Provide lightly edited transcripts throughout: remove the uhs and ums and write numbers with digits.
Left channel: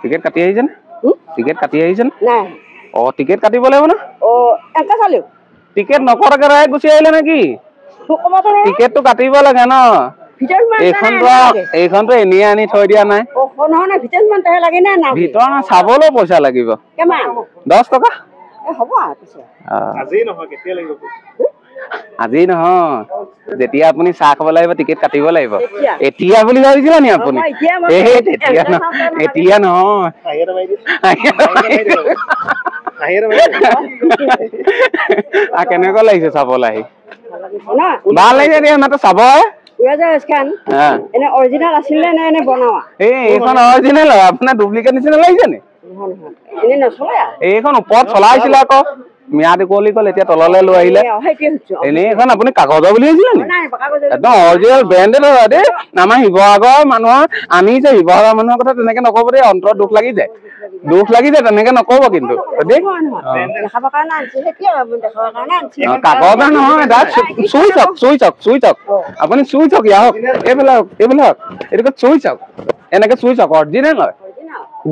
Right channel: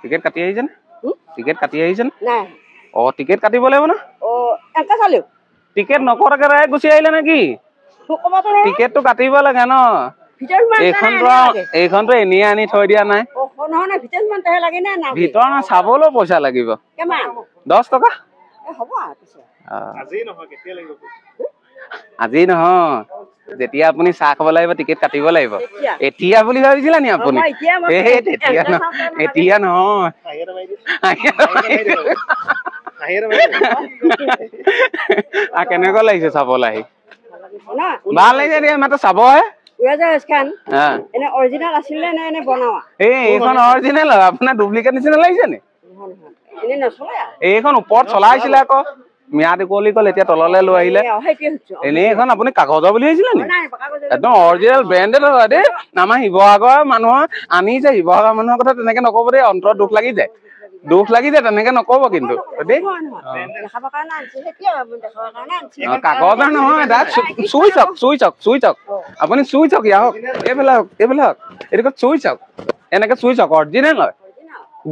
Ticket কাটি আহিছে না টিকেট কাটি আহিছে না নাই অ টিকেট কাটিব লাগিব না ও এটা চালো টিকেট নকৰাকে ৰায় গুচি আহিলে নেকি টিকেটটো কাটিব লাগে ন এইখনতো এনেই আনি থৈ দিয়া নাই ভিতৰত চাবলৈ পইচা লাগিব 10 টকা আজি নহয় যেতিয়া আপুনি চাহ খাব লাগিব টিকেট কাটিব লাগিব এতিয়া বুলি ভাবিছিলা নি আপুনি এতিয়া নহয় কেনেকুৱা লাগিছে চাবলৈ আহি ভাল লাগিছে দিয়া মাত্ৰ চাব এইখন অৰিজিনেল আপোনাৰ ডুপ্লিকেট নিচিনা লাগিছে নি এইখন ওপৰত চলাইছিলে আকৌ ম্যাদ উকলি গ'ল এতিয়া তললৈ লৈ আহিলে এনেই এখন আপুনি কাগজৰ বুলি ভাবিছিলে নি একদম অৰিজিনেল ব্ৰেণ্ডেড হয় দেই আমাৰ শিৱসাগৰৰ মানুহৰ আমি যে শিৱসাগৰৰ মানুহৰ কথা তেনেকে নকব দেই অন্তৰত দুখ লাগি যায় তেনেকে নকব কিন্তু দেই কাগজৰ নহয় চুই চাওক আপুনি চুই চাওক ইয়াক এইবিলাক এইটো চুই চাওক এনেকে চুই চাওক অৰিজিনেল হয়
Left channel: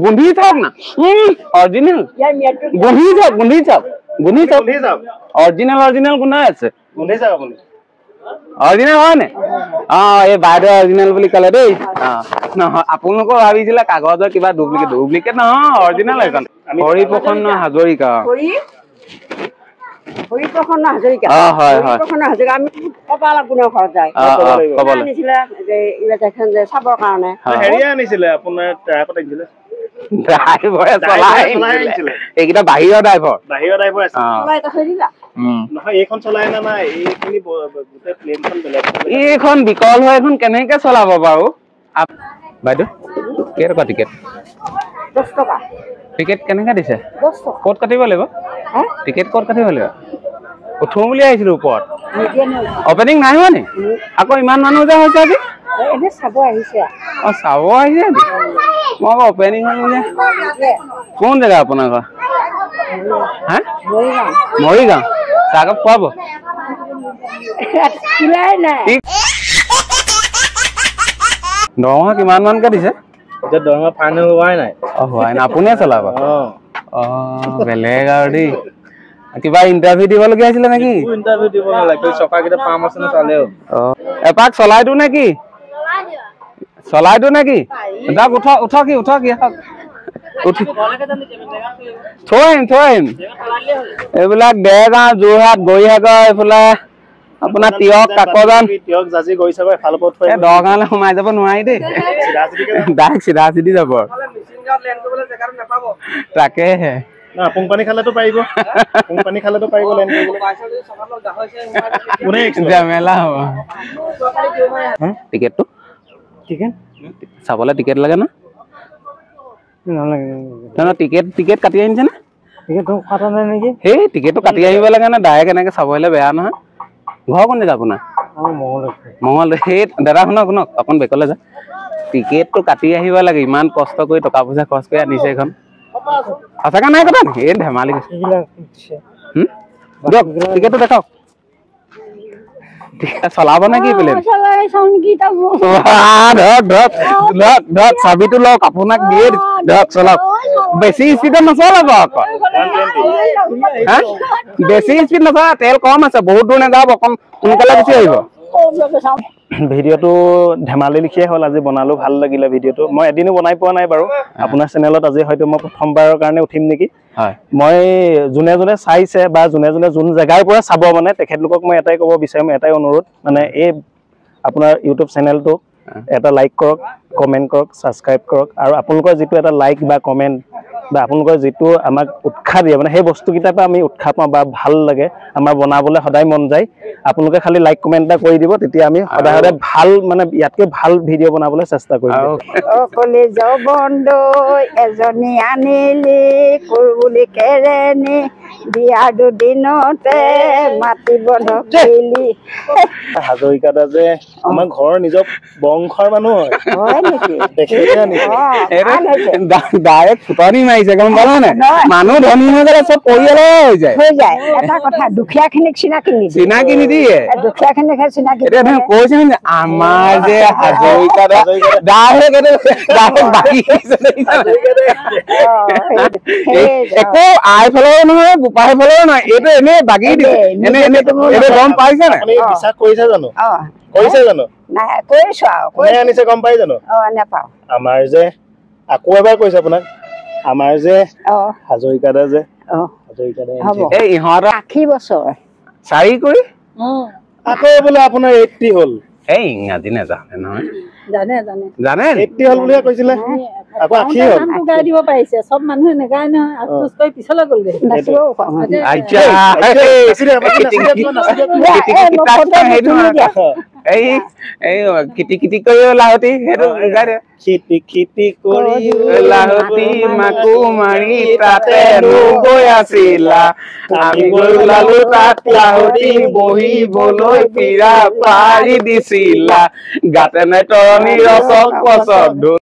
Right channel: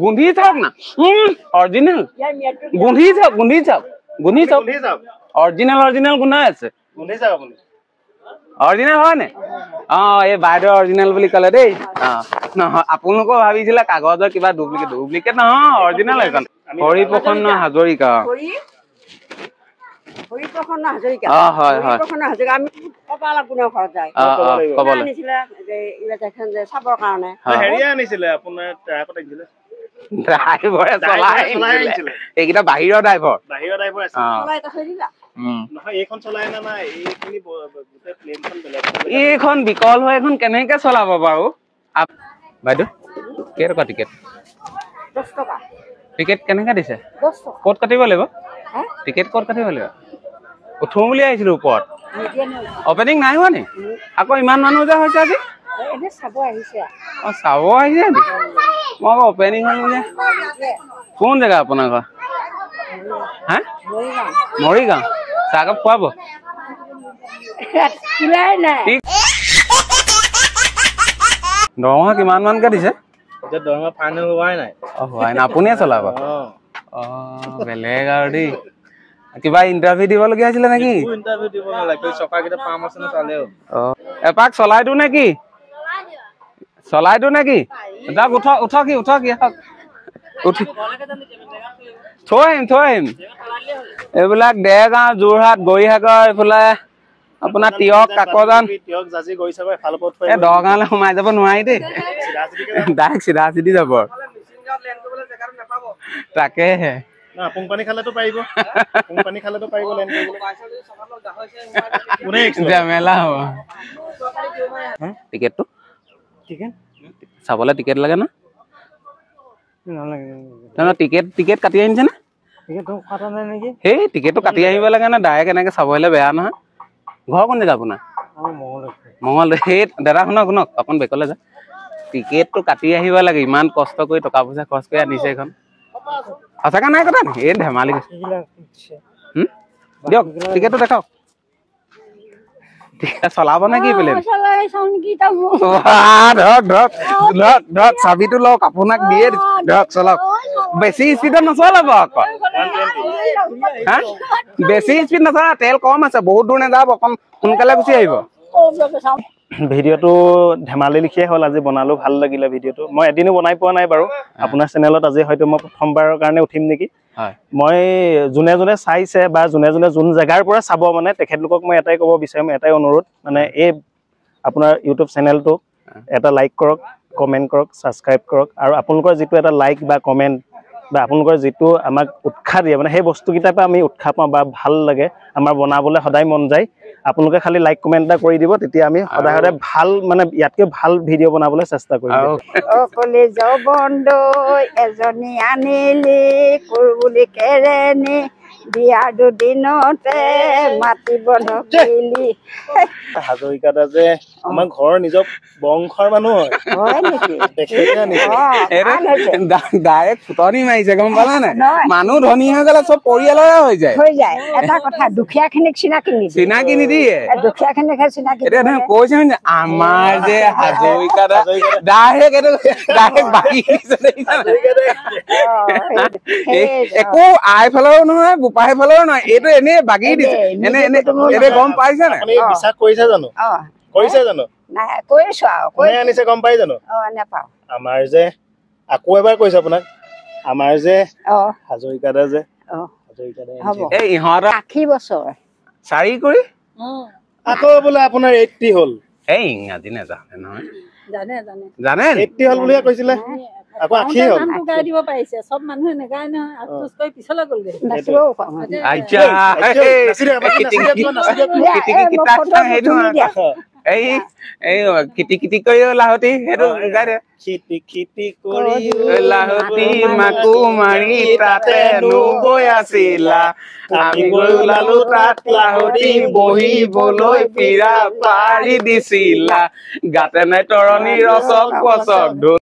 গুন্ধি চাওক না অৰিজিনেল গুন্ধি চাওক অৰিজিনেল গুন্ধাই আছে অৰিজিনেল হয় নে এই বাইদেউ অৰিজিনেল বুলি ক'লে দেই নহয় আপোনালোকৰ ভাবিছিলে কাগজৰ কিবা ডুপ্লিকেট নহয় অৰিজিনেল এইখন হৰিপ্ৰসন্ন হাজৰিকা চাবৰ কাৰণে এইকেইটা বাহিৰৰ ড্ৰাইভাৰ এইখন বিকল হৈ এখন কেনেকে চলাব বাৰু বাইদেউ কেইটকা টিকেট 10 টকা টিকেট কেনেকে দিছে ক'ত কাটিব লাগিব টিকেট ক'ত কাটিব লাগিব উঠো বুলি আহিছিলো ওপৰত অপেনিং নাই হোৱা নি আকৌ ইমান মানুহ যে হৈছে আজি চাব আহিছে মই আকৌ অপেনিং কোন জেগা আপোনাৰ ঘৰ হা মৰিগাঁও চাহকাপ খুৱাব দৰমহা কিমান মানকে দিছে দৰমহা ফাইনেল হোৱাই নাই আপুনিয়ে চলাব বেলেগ আৰু দেই কিবা ইণ্টাৰভিউ দিবলগীয়া হৈছিলে নেকি ইণ্টাৰভিউ দিব নালাগে চকাকেইটা পাম আছে নে চালেও এপাক চলাই দিওঁ নেকি দাক উঠক থৈম এইবিলাক দেৰগাঁও যোৰহাট গৰিসাগৰ এইফালে আপোনাৰ তিয়ক কাকজান দৰগাঁৱলৈ সোমাই যাব নোৱাৰি দেই ডাইৰেক্ট চিধা চিধি যাব তাকেহে পুংপানী খালেতো পাৰিব মেলা হ'ব টিকেটটো চাবলৈ টিকেট লাগে না টিকেট কাটি আনিছে নে সেই টিকেটটো কাটি আহিব লাগে না ডাইৰেক্ট এনেকে চাব আহিলে বেয়া নহয় ঘৰ কোন জেগা আপোনাৰ মঙল সেই দাদা শুনক অকণ বেকলৈ যা টিকেটটো কাটি আহিব লাগে ইমান কষ্ট কৰি টকা পইচা খৰচ কৰি আনিছে এইখন সঁচাকে নাই কথা নেকি এই ধেমালি দিয়ক টিকেটটো দেখাওক চলাব নে কি প্লেন ধৰক চাবিটো লওক আপোনাক দিয়ে ধৰক চলাওক বেছি স্পীডত নচলাব আকৌ বেছি স্পীড নচলাব তেল কম আছে বহুত দূৰ নাযাব অকণ সোনকালে গুচি আহিব ভিডিঅ'টো ধেমালি লিখিয়ে হ'ল আজি বনালো ভাল লাগিলে ভিডিঅ'টো মই এদিনো বনাই পোৱা নাই বাৰু আপোনাৰ চেনেলত আজি হয়তো মই প্ৰথমবাৰৰ কাৰণে উঠিম নেকি মই যোনে চাইছে বা যোনে যোন জেগাৰ পৰা চাব মানে তেখেতলোকক মই এটাই ক'ব বিচাৰিম এটাই অনুৰোধ মানে এই আপোনাৰ ইউটিউব চেনেলটো এটা লাইক কৰক কমেণ্ট কৰক ছাবস্ক্ৰাইব কৰক আৰু আপোনালোকৰ যিটো এটা লাইক বা কমেণ্ট বা আপোনালোকৰ যিটো আমাক উৎসাহ দিয়ে মানে সেই বস্তুকেইটাৰ পৰা আমি উৎসাহ পাওঁ বা ভাল লাগে আমাৰ বনাবলৈ সদায় মন যায় আপোনালোকে খালি লাইক কমেণ্ট এটা কৰি দিব তেতিয়া আমি সদায় ভাল মানে ইয়াতকৈ ভাল ভিডিঅ' বনাবলৈ চেষ্টা কৰিম কলেজৰ বন্ধ এজনী আনিলি কুলবুলি কেৰেণী বিয়াৰ দুদিনতে মাটি বন্ধ কৰিলি হাজৰিকাদা যে আমাৰ ঘৰৰ নিজৰ বংশৰ মানুহ হয় নেকি দেখিছে নেকি ভাল হৈছে। ডাইৰেক্ট ফুটনি মাৰিছে গম পালানে মানুহ ধনী হৈ গ'লে চব পৰিয়ালৰ হৈ যায় এটা কথা দুখীয়াখিনিক চিনাকি নিদিয়ে চিনাকি নিদিয়ে দুখীয়াখিনিকহে চিনাকি এতিয়া তুমি কৈছে আমাৰ যে হাজৰিকাদা ডাইৰেক্ট বাকী একো আই ফালৰো নহয় বোপাই ফালৰো নহয় এইটো এনেই বাকী এনে গম পাইছে নে বিশ্বাস কৰিছে জানো কৰিছে জানো নাই কৰিছো আৰু কোনে আনিছে গম পাই জানো নেপাওঁ আমাৰ যে আকৌ এবাৰ কৈছে আপোনাক আমাৰ যে হাজৰিকাদা যে হাজৰিকাদা এই ইহঁতৰ 80 বছৰ 4 কৰি আকৌ বোলে আপোনাৰ 80 হ'ল এই ইংৰাজী নাজানে নহয় জানে 80 হ'ল বুলিহে কৈছিলে আকৌ 80 হ'ল গাই দিব পাৰিছে চব মানুহে নেগায় নহয় আফসোস কৰি পিছলৈ গ'লগে এই কিটি কিটি কৰি লাহতি সেইটো গাই দে খিটি খিটি কৰি লাহতি মাকো মাৰি তাতে নগৈ আছিলা আমি গৈ ওলালো তাত লাহতি বহিবলৈ পীৰা পাৰি দিছিলা গাতে নাই তৰণি ৰচক পচক